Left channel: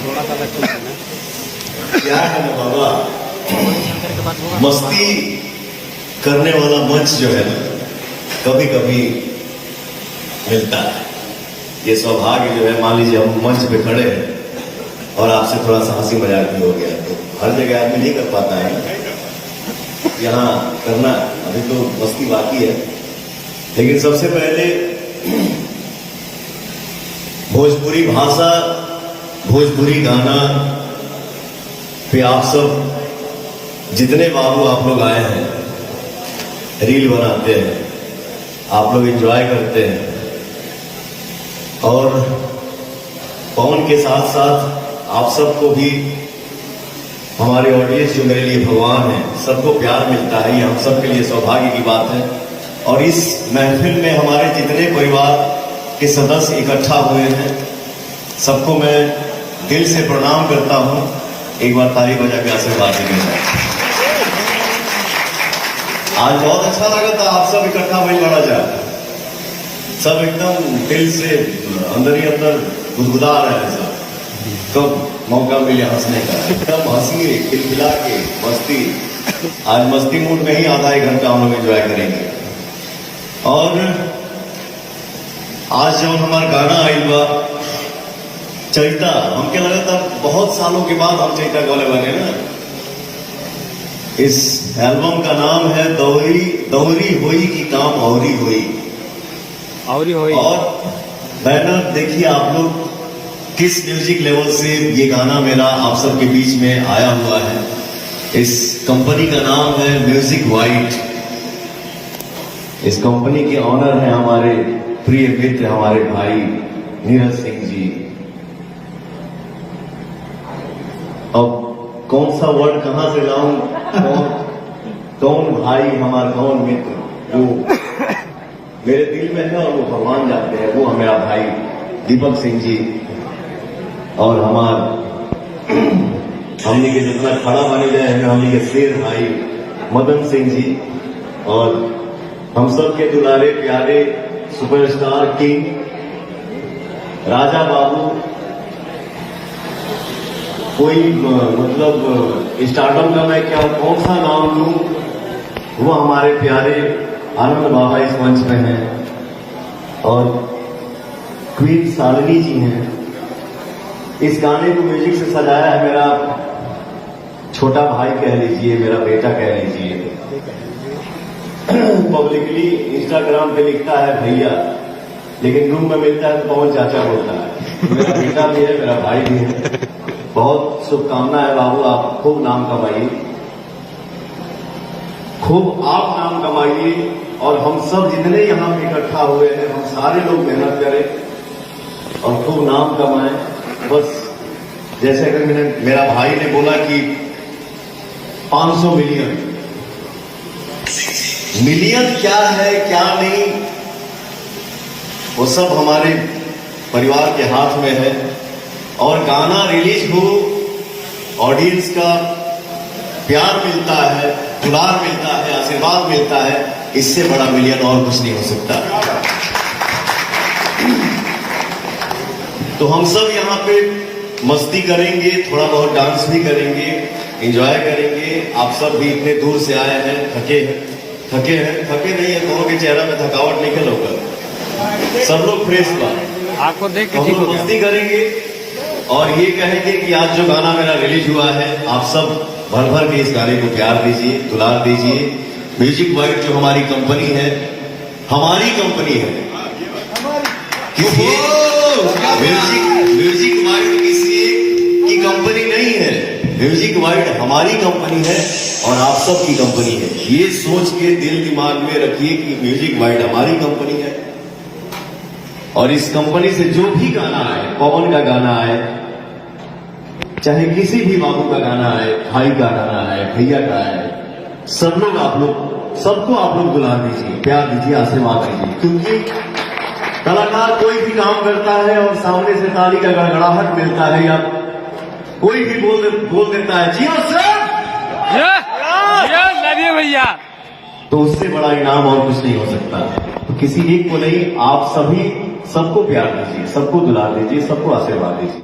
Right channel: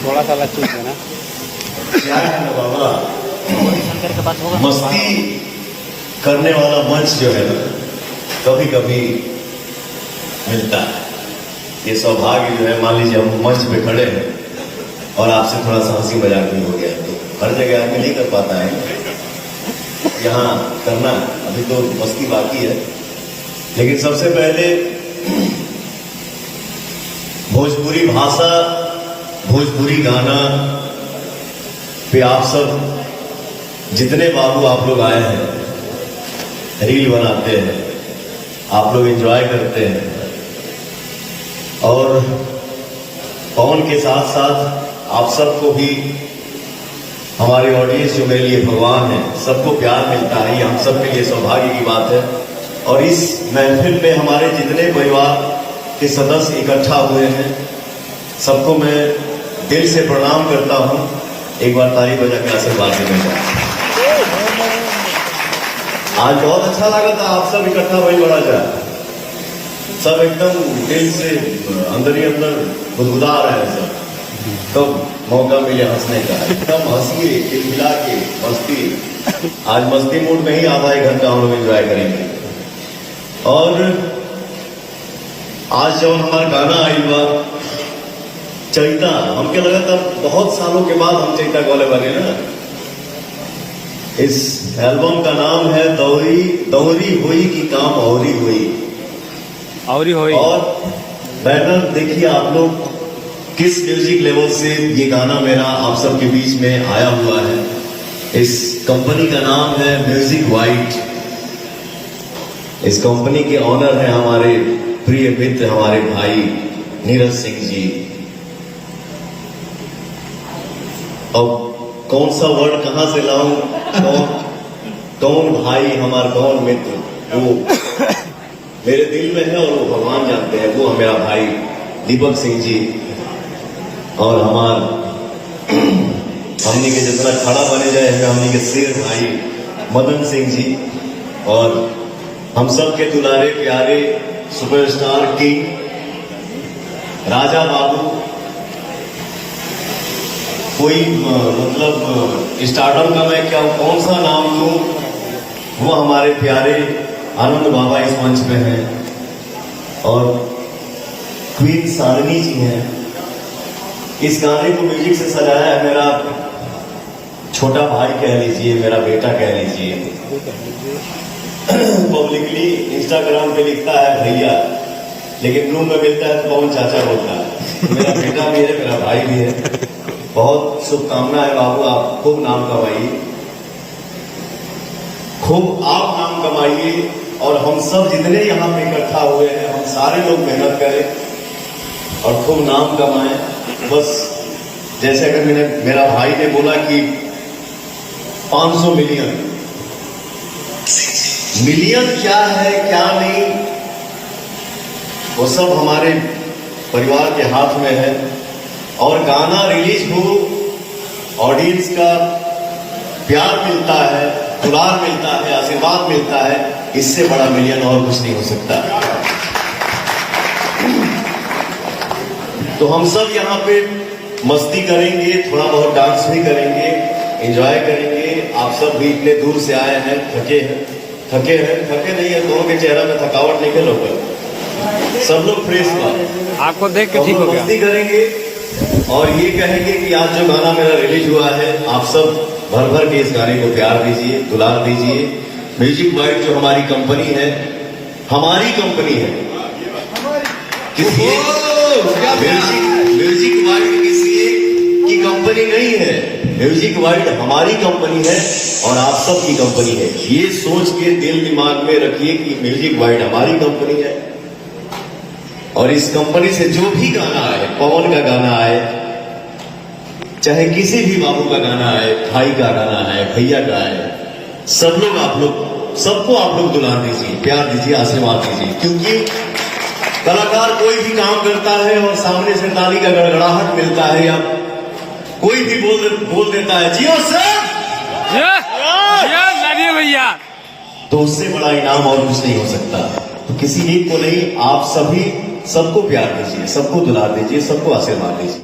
थोड़ा सा चीज है ना, क्या है ना बाबा, मस्ती करने वाला मंच जो है कभी कभी मिलता है। ये सौभाग्य जो है, मान लीजिए हम मंच पे खड़े हैं और आपसे थोड़ा सा हंसी मजाक भी हो गया, तो हर जगह आदमी नहीं कर पाता है, यहाँ करना अभी तो मस्ती बाकी है। लेकिन सबसे पहले भोजपुरी भाषा, भोजपुरी गाना पे आप सब जितने बाबू आप लोग आए हैं, रील बनाते हैं, आप लोग एंजॉय करते हैं, और पवन के साथ साथ आप सबको भी, हमारी ऑडियंस जो मेरे लिए भगवान है, सबको प्यार मिलता है, ये हम सबके लिए सौभाग्य की बात है। और इस महफिल में हमारे जितने परिवार के सदस्य इकट्ठा हुए हैं, सबको मैं दिल से प्रणाम करता हूं। एक बार ताली बजा के आशीर्वाद देंगे। आज बहुत अच्छा लगा था, आप सब इकट्ठा वही लड़ा जाए, सब एकदम दिल से अंदर ही अंदर गुदगुदा रहे हैं सब। कब मौका मिले हंसने का, एकदम हंसिए, खिलखिला के मस्ती। आज मस्ती मूड में ही आधा एक घंटा हम लोग एंजॉय करेंगे। और आज जब हमारा गाना आएगा चैता, हमके लगा था बहुत सालों के बाद हम चैता गाने बने ना। इस एल्बम का नाम है दौरी दौरी हुई की काम औरी हुई। और बैनर देखिए आप लोग किस म्यूजिक लेवल से ये गाना मेरा आप सबके बीच में आया हुआ है। इस कंपनी का नाम है म्यूजिक वाइट। इस कंपनी के ऑनर हैं हमारे प्रिय मित्र, हमारे भाई नीरज सिंह जी। अब कौन सा वर्ड कहां से लाऊं, कौन भाई हमारा, कौन मित्र, वो मेरे दिल में है और वो भगवान जानते हैं। वो मेरा भाई दीपक सिंह जी, और हमने के जितना खड़ा बने जाए हमें हमने के शेर भाई मदन सिंह जी, और हम सब के दुलारे प्यारे सुपरस्टार किंग राजा बाबू। कोई मतलब स्टार्टअप का मैं क्या कौन सा नाम दूं, वो हमारे प्यारे आनंद बाबा इस मंच में हैं, और क्वीन सारनी जी हैं। इस गाने को म्यूजिक से सजाया है मेरा छोटा भाई कह लीजिए, मेरा बेटा कह लीजिए। पब्लिकली इंस्टाग्राम पे लिखता है भैया, लेकिन रूम में मिलता है तो पवन चाचा बोलता है। मेरा बेटा भी है, मेरा भाई भी है। बहुत शुभकामना है बाबू, आप खूब नाम कमाइए, खूब आप नाम कमाइए, और हम सब जितने यहाँ पे इकट्ठा हुए हैं, हम सारे लोग मेहनत करें और खूब नाम कमाएं। बस जैसे अगर मेरा भाई ने बोला कि 500 मिलियन, मिलियन क्या है क्या नहीं, वो सब हमारे परिवार के हाथ में है। और गाना रिलीज हो, ऑडियंस का प्यार मिलता है, दुलार मिलता है, आशीर्वाद मिलता है, इससे बड़ा मिलियन और कुछ नहीं हो सकता। तो हम सब यहाँ पे मस्ती करेंगे, थोड़ा बहुत डांस भी करेंगे, एंजॉय करेंगे। आप सब भी इतने दूर से आए हैं, थके नहीं है, दोनों के चेहरा में थकावट नहीं होगा, सब लोग फ्रेश था। आपको देख तो हम मस्ती करेंगे और ये कहेंगे कि आज जो गाना मेरा रिलीज हुआ है, आप सब भर भर के इस गाने को प्यार दीजिए, दुलार दीजिए। म्यूजिक वाइट जो हमारी कंपनी है, हमारी कंपनी है, क्योंकि म्यूजिक वाइट किसी की कंपनी नहीं है, म्यूजिक वाइट हमारी कंपनी है और आप सब की कंपनी है। ये सोच के दिल दिमाग में रखिए कि म्यूजिक वाइट हमारी कंपनी है, और इस कंपनी से जो भी गाना आए, पवन का गाना आए, चाहे किसी भी बाबू का गाना आए, भाई का गाना आए, भैया का आए, सब लोग आप लोग सबको आप लोग दुलार दीजिए, प्यार दीजिए, आशीर्वाद दीजिए। क्योंकि कलाकार कोई भी काम करता है और सामने से ताली का गड़गड़ाहट मिलता है, या कोई भी बोल देता है जियो सर, भैया, तो उससे बड़ा इनाम और कुछ नहीं हो सकता। तो किसी एक को नहीं, आप सभी सबको प्यार दीजिए, सबको दुलार दीजिए, सबको आशीर्वाद दीजिए।